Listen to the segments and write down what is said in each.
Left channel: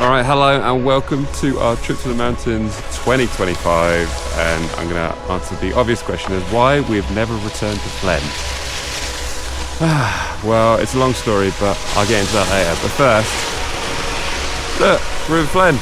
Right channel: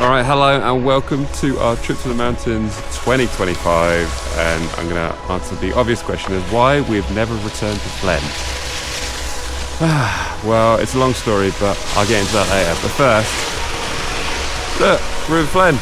Alright, hello and welcome to our trip to the mountains 2025, and I'm going to answer the obvious question is why we've never returned to Flaine. Well, it's a long story, but I'll get into that later. But first, look, we're in Flaine.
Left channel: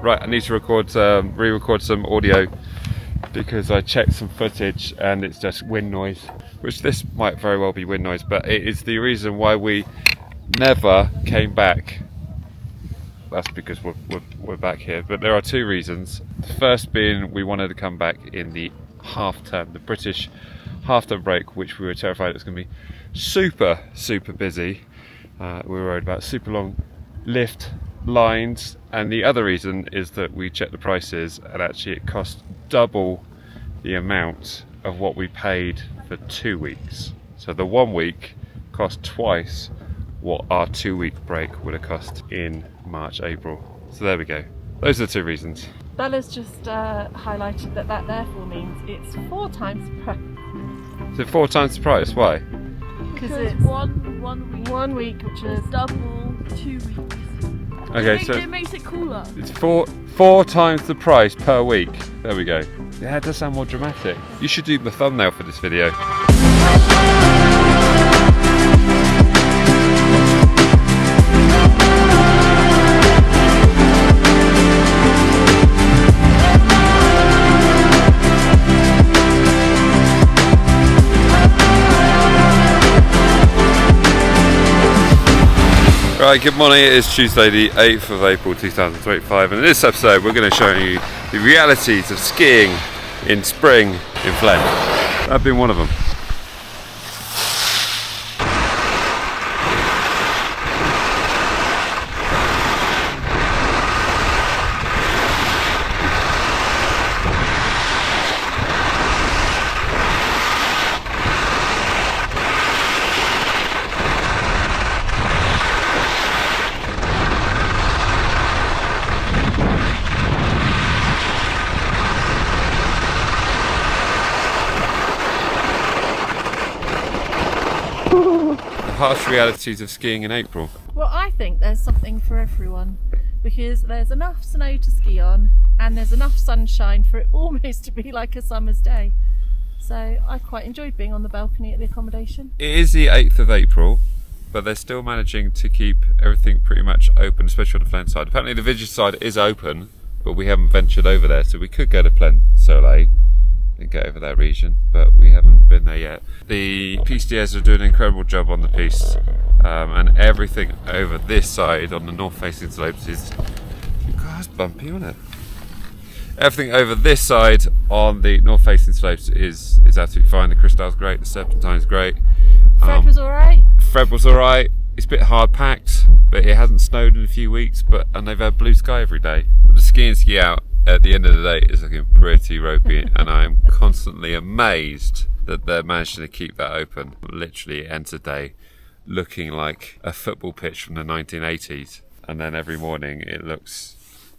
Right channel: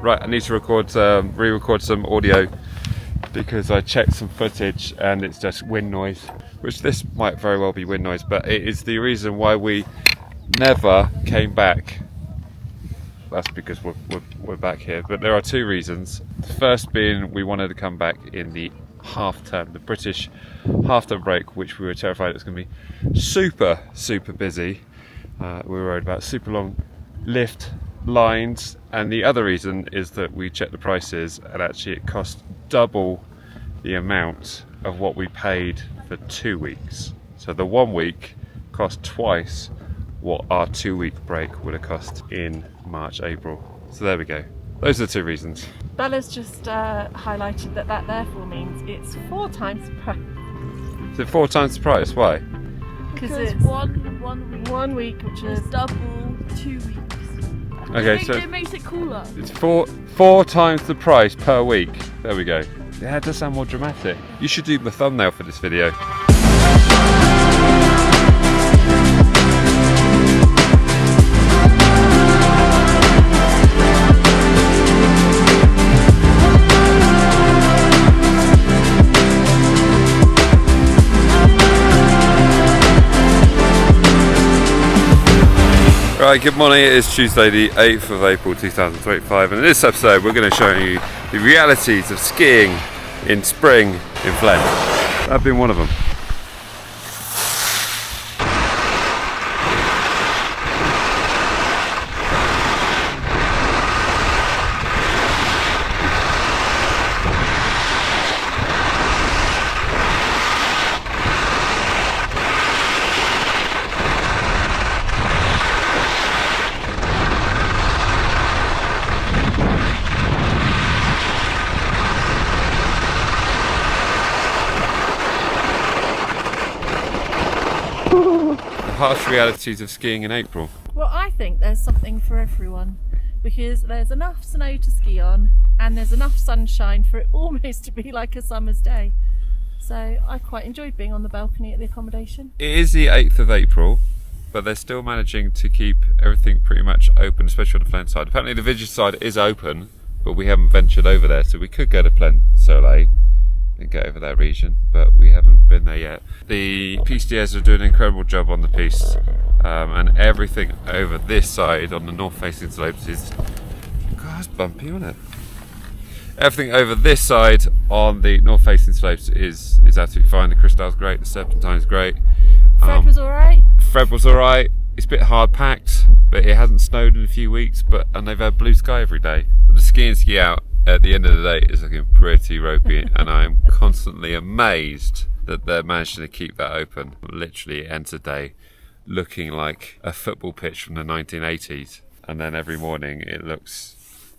Right, I need to re-record some audio because I checked some footage and it's just wind noise, which this might very well be wind noise, but it is the reason why we never came back. That's because we're back here, but there are two reasons. The first being we wanted to come back in the half term, the British half term break, which we were terrified it was going to be super busy. We were worried about super long lift lines, and the other reason is that we checked the prices and actually it cost double the amount of what we paid for 2 weeks. So the 1 week cost twice what our 2 week break would have cost in March, April. So there we go. Those are the two reasons. Bella's just highlighted that therefore means it's 4 times the price. Is it 4 times the price? Why? Because it's one week, which is double 2 weeks. Okay, so it makes it cooler. it's four times the price per week. There we go. Yeah, it does sound more dramatic. You should do the thumbnail for this video. Right, good morning, it is Tuesday the 8th of April 2025, and in this episode we're going to show you the realities of skiing in spring in Flaine. I've been one of them. The harsh realities of skiing in April. Well, I think there's something for everyone, because there's enough snow to ski on and there's enough sunshine for it almost to be like a summer's day. So I quite enjoyed being on the balcony at the accommodation. It is the 8th of April, but they're still managing to keep everything pretty much open, especially on the Flaine side. Apparently the Vigus side is open, but we haven't ventured over there, so we could go to Plaine Soleil and get over that region, but we haven't been there yet. The PCDs are doing an incredible job on the piste, and everything over this side on the north-facing slopes is... God, it's bumpy, isn't it? Everything over this side on the north-facing slopes is absolutely fine. The Cristal's great, the Serpentine's great. Fred was alright? Fred was alright. It's a bit hard packed, but it hasn't snowed in a few weeks, and they've had blue sky every day. But the ski and ski out at the end of the day is looking pretty ropey, and I am constantly amazed that they're managing to keep that open. Literally ends the day looking like a football pitch from the 1980s, and then every morning it looks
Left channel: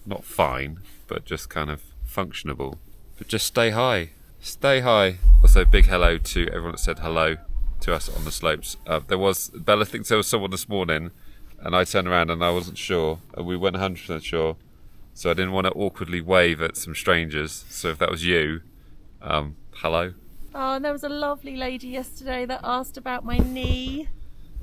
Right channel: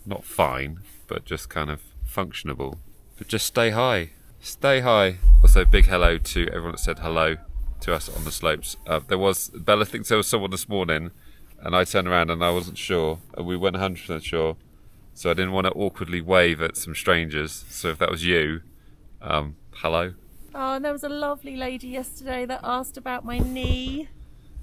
not fine, but just kind of functionable. But just stay high. Stay high. Also, big hello to everyone that said hello to us on the slopes. Bella thinks there was someone this morning, and I turned around and I wasn't sure, and we weren't 100% sure, so I didn't want to awkwardly wave at some strangers. So if that was you, hello. Oh, and there was a lovely lady yesterday that asked about my knee.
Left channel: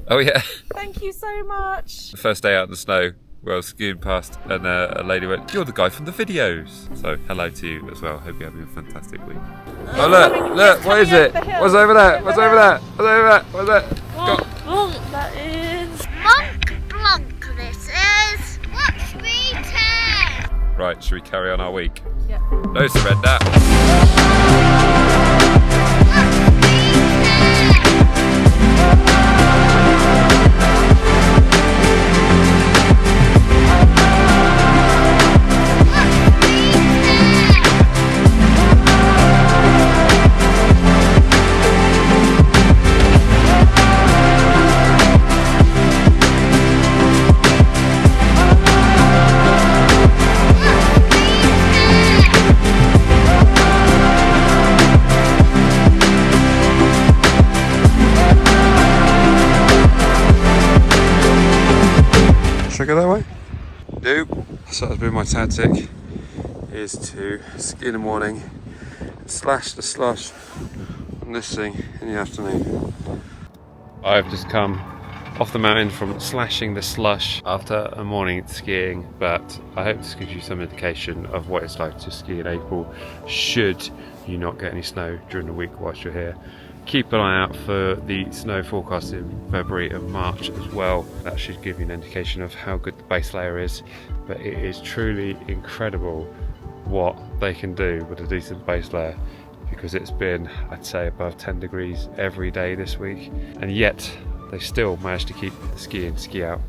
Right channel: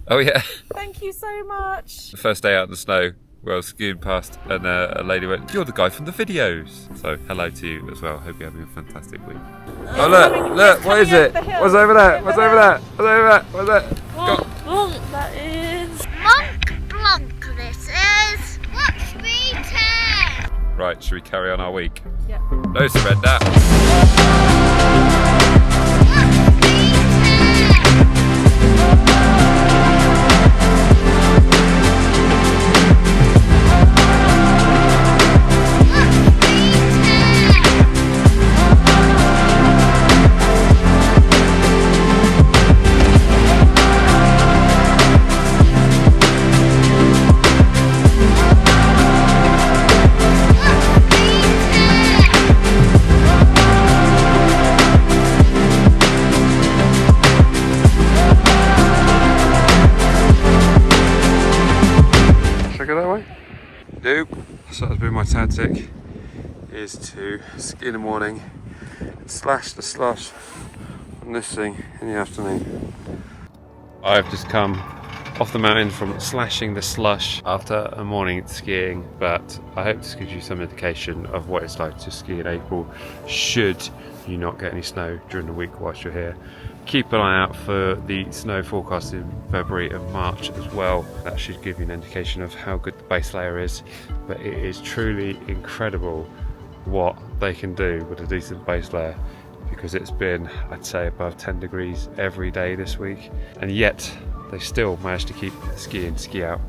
Oh yeah. Thank you so much. The first day out in the snow, where I was skiing past, and a lady went, "You're the guy from the videos." So hello to you as well. Hope you're having a fantastic week. Oh look, what is it? What's over there? What's over there? What's over there? What's that? Oh, that is... Monk Blanc, this is. Watch me turn. Right, should we carry on our week? Yeah. No surrender. Watch me turn. Go that way? Nope. So that's been my tactic, is to ski in the morning, slash the slush on this thing in the afternoon. I've just come off the mountain from slashing the slush after a morning skiing, but I hope this gives you some indication of what it's like to ski in April should you not get any snow during the week whilst you're here. Keep an eye out for the snow forecast in February and March as well. That should give you an indication of how good the base layer is, but it is truly incredible what they can do with a decent base layer, because it's been, I'd say, above 10 degrees every day this week, and yet they still managed to keep the ski in, ski out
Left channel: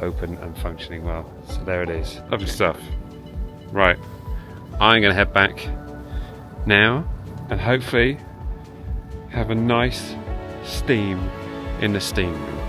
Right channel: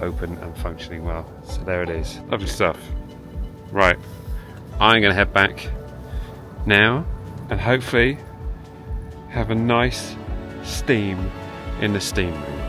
open and functioning well. So there it is. Lovely stuff. Right, I'm going to head back now and hopefully have a nice steam in the steam room.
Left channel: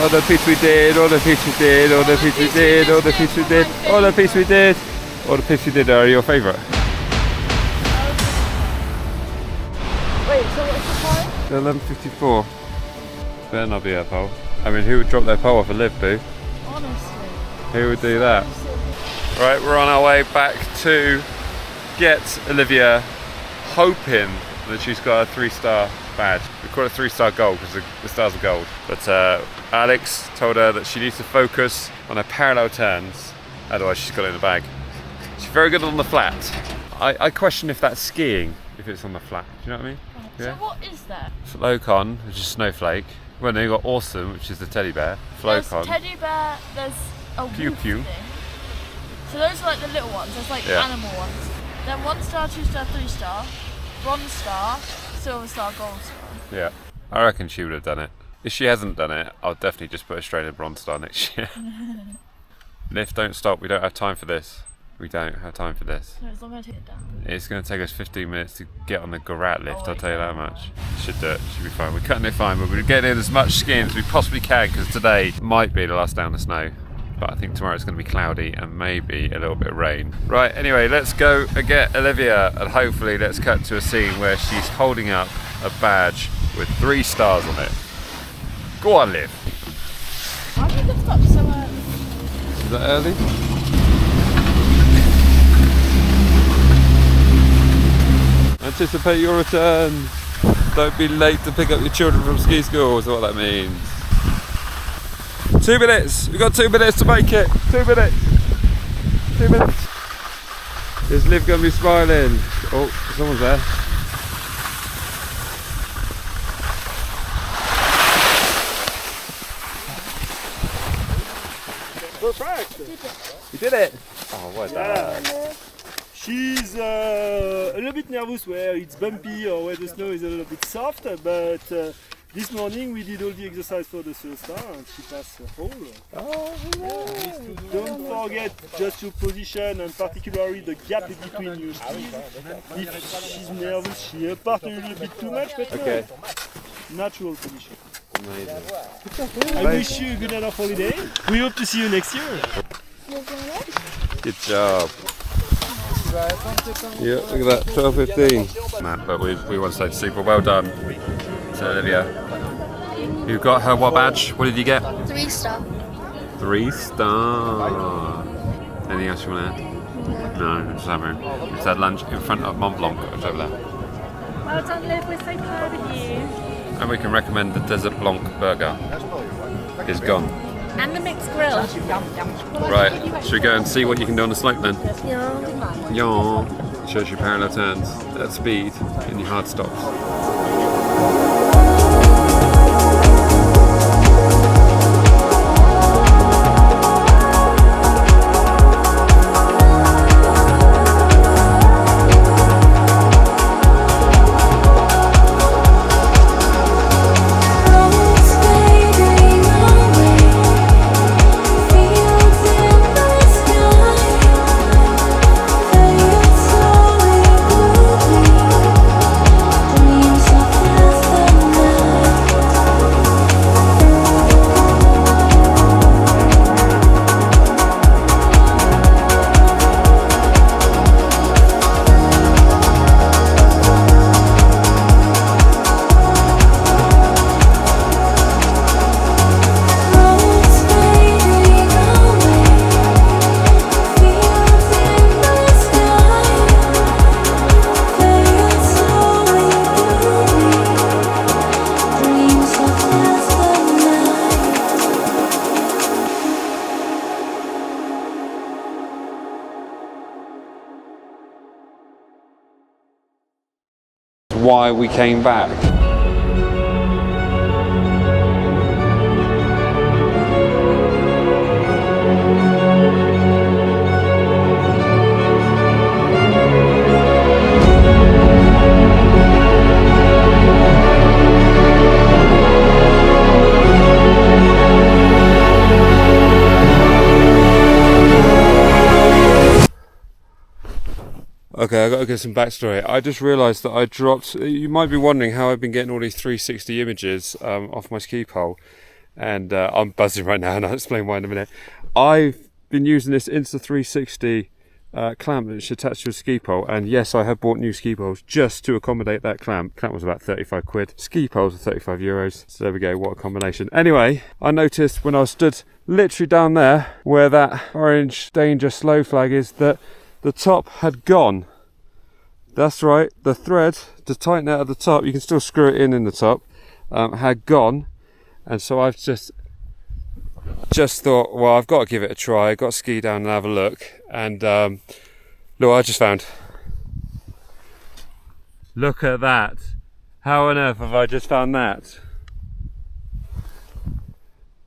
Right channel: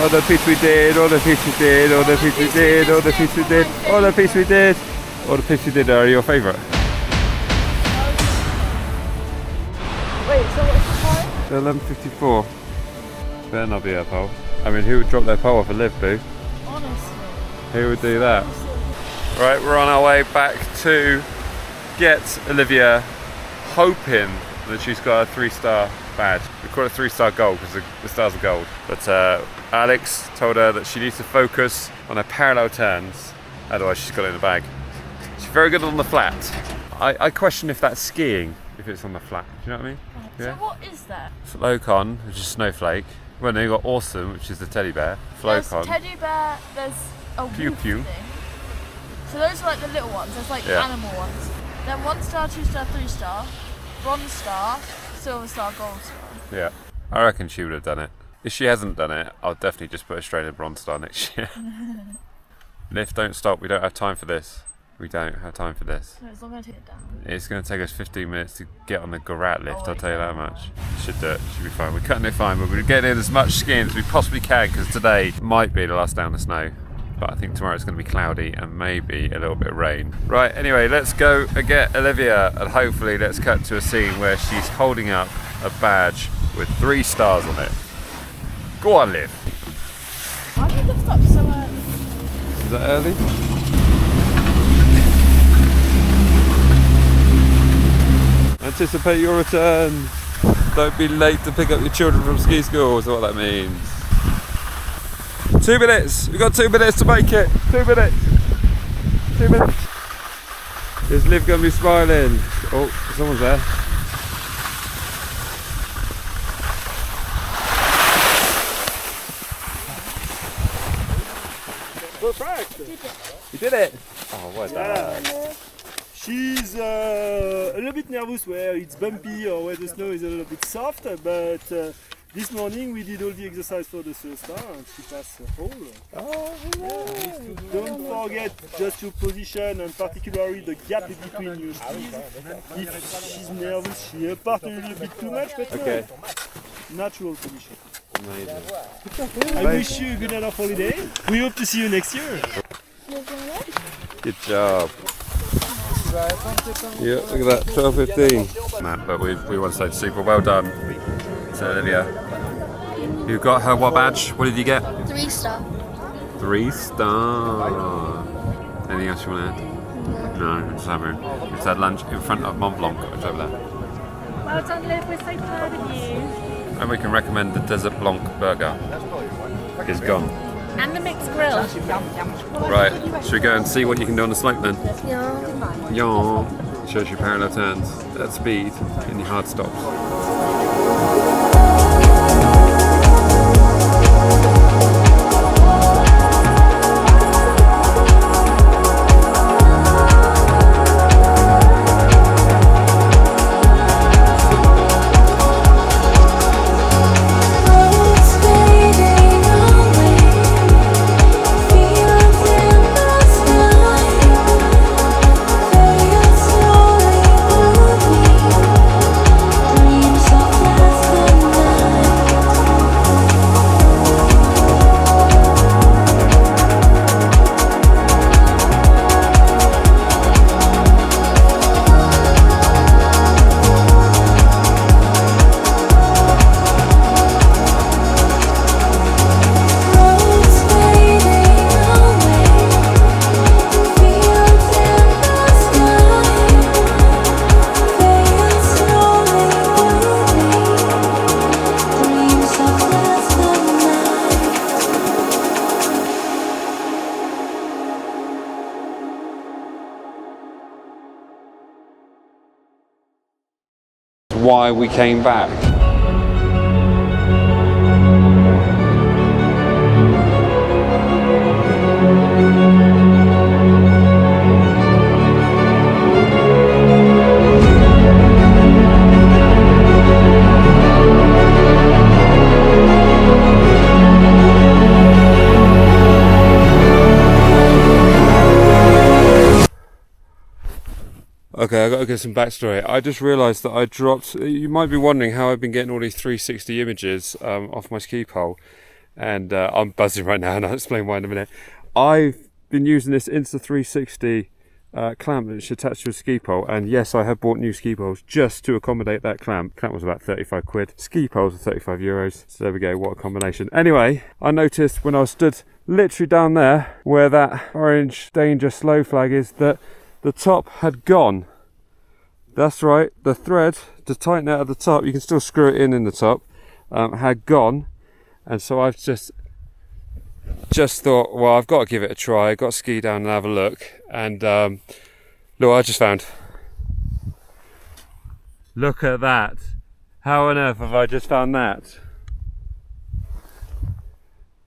All the piece we did, all the piece we did, all the piece we did, all the piece we did, all the piece we did, all the piece we did are your favourite. Wait, so what's the time? 11:54. Better not be a pole. I mean, who would drop their pole off a lift, boo? Honestly. Who would do that? Right, we're on our way back to get Olivia, hoping that she's got a 3-star badge. We call it 3-star gold because the stars are gold. But Alex told her that she needs to focus on her parallel turns, otherwise she's got it in the bag. She's very good on the flat. I question if that's skiing, if it's on the flat. Do you know what I mean? So what is that? Flowcon, which is snowflake. Well, then you've got Awesome, which is the teddy bear. Flowcon. There's teddy bear, there's a Pew wolf Pew. thing. So those are like the little ones, there's like Yeah. animal ones. Then 1-star, 2-star, 3-star, bronze star, silver star, gold star. Yeah. I reckon she would have done it. If she hasn't done it, I'll definitely just put her straight in Bronze Star next year. Lift, don't stop. We don't have time for this. We don't have time for this. No, as long as I take it down. It's going to take us 15 minutes to get on the Garat lift, I'll tell you that much. Should do it, should be fine. We're cutting it fine, but we're getting in as much skiing as we possibly can because today might be the last day on the snow. But I think tomorrow it's going to be cloudy and maybe a little bit of rain. Right, anyway, let's go and get Olivia and hopefully let's cut to a scene where she's holding up a badge with 3 stars on it. Go on, Liv. Why did you lift up so early? Is that early? Anticipate your return. Don't be late to pick up your children from ski school, is what that means. 2 minutes. We've got 2 minutes to make it. 2 minutes. 2 minutes. Is Liv going to be smiling? Oh, someone's there. Perfect! You did it. Oh, well done. She's a little bit nervous where it's bumpy or where the snow is a little bit soft, but this morning we did all the exercise for the slow star and she passed the whole. Oh, Don't forget just your position and particularly the gap between your skis. If she's nervous, she apart a little bit too much, but okay. Natural position. Amazing. I wish you a good enough holiday. We hope to see you next year. Good job. Yeah, look at that, 12:15. Matt, but we want to say super well done to Olivia. You got her what badge? What did you get? 3 star. 3 star. Anything else you want to add? No, just have her. We just had lunch in front of Mont Blanc, which over there. Well done, Liv. We're so proud of you. And we can recommend the Desert Blanc burger. It's gone. And the mixed grill. Right, should we go and see what you can do on the slope then? Yeah. Yeah. Shows you parallel turns at speed in your hard stops. Why we came back. Okay, I've got to give some backstory. I just realised that I dropped, you might be wondering how I've been getting all these 360 images off my ski pole, and I'm buzzing right now and I'll explain why in a minute. I've been using this Insta360 clamp that's attached to a ski pole, and yes, I have bought new ski poles just to accommodate that clamp. Clamp was about 35 quid, ski poles are 35 euros, so there we go, what a combination. Anyway, I noticed when I was stood literally down there where that orange danger slow flag is that the top had gone. That's right, the thread to tighten out at the top, you can still screw it in the top, had gone, and so I've just thought, well, I've got to give it a try. I've got to ski down and have a look, and look what I just found. Look at that. How on earth have I just found that?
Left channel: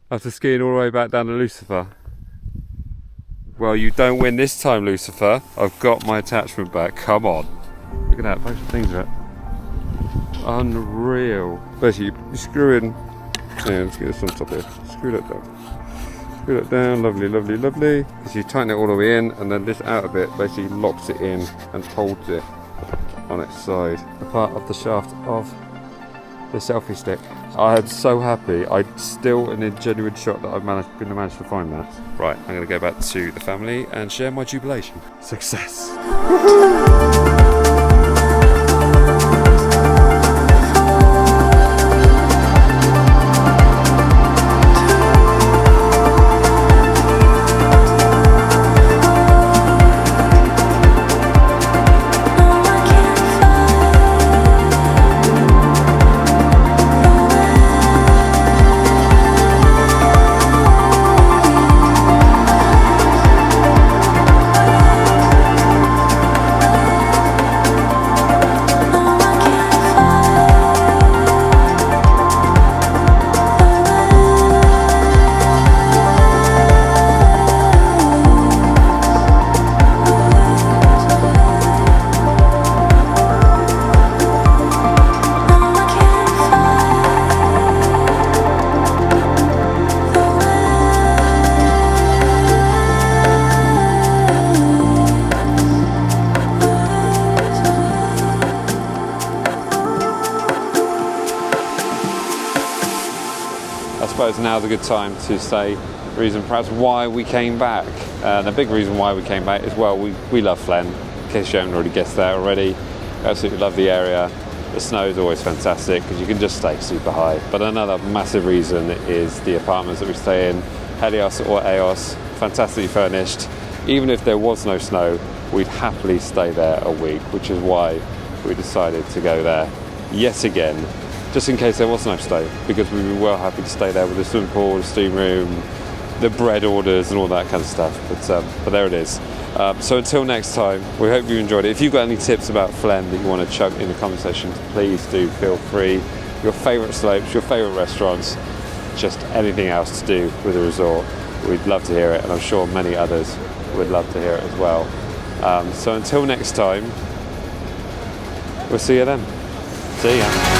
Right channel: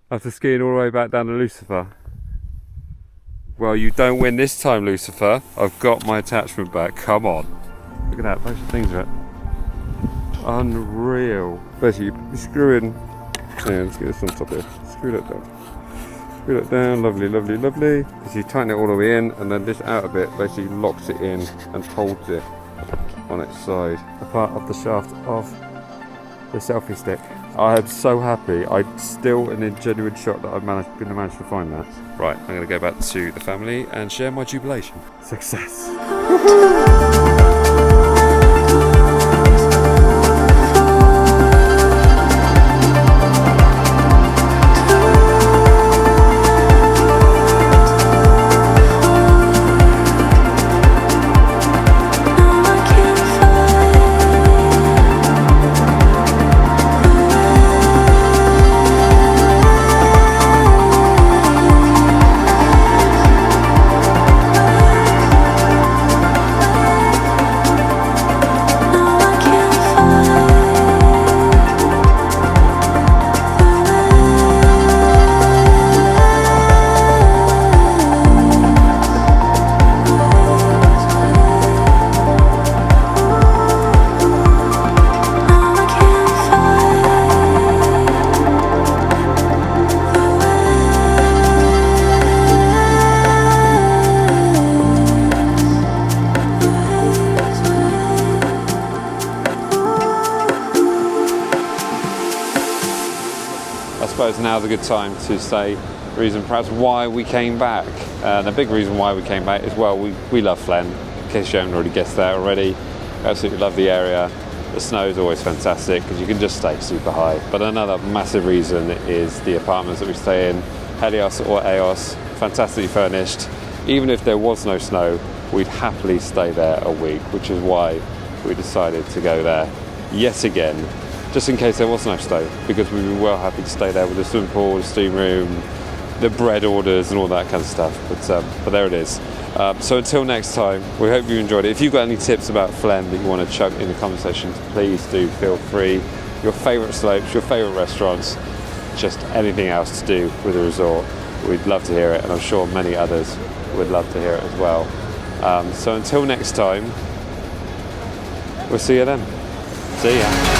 After skiing all the way back down to Lucifer. Well, you don't win this time, Lucifer. I've got my attachment back. Come on. Look at that, a bunch of things are unreal. Basically, you screw in. Yeah, let's get this on top here. Screw that down. Screw that down. Lovely, lovely, lovely. Because you tighten it all the way in, and then this outer bit basically locks it in and holds it on its side. A part of the shaft of the selfie stick. I am so happy. I'm still in a genuine shock that I've managed to find that. Right, I'm going to go back to the family and share my jubilation. Success. I suppose now's a good time to say the reason perhaps why we came back. The big reason why we came back is, well, we love Flaine, in case you haven't already guessed that already. We absolutely love the area. The snow is always fantastic because you can just stay super high. But another massive reason is the apartments that we stay in, Helios or Eos, fantastically furnished. Even if there was no snow, we'd happily stay there a week, which is why we decided to go there yet again, just in case there was no snow, because we'd be well happy to stay there with the swimming pool, the steam room, the bread orders and all that kind of stuff. But there it is. So until next time, we hope you enjoyed it. If you've got any tips about Flaine that you want to chuck in the comment section, please do feel free. Your favourite slopes, your favourite restaurants, just anything else to do with the resort. We'd love to hear it, and I'm sure many others would love to hear it as well. So until next time, we'll see you then. See ya.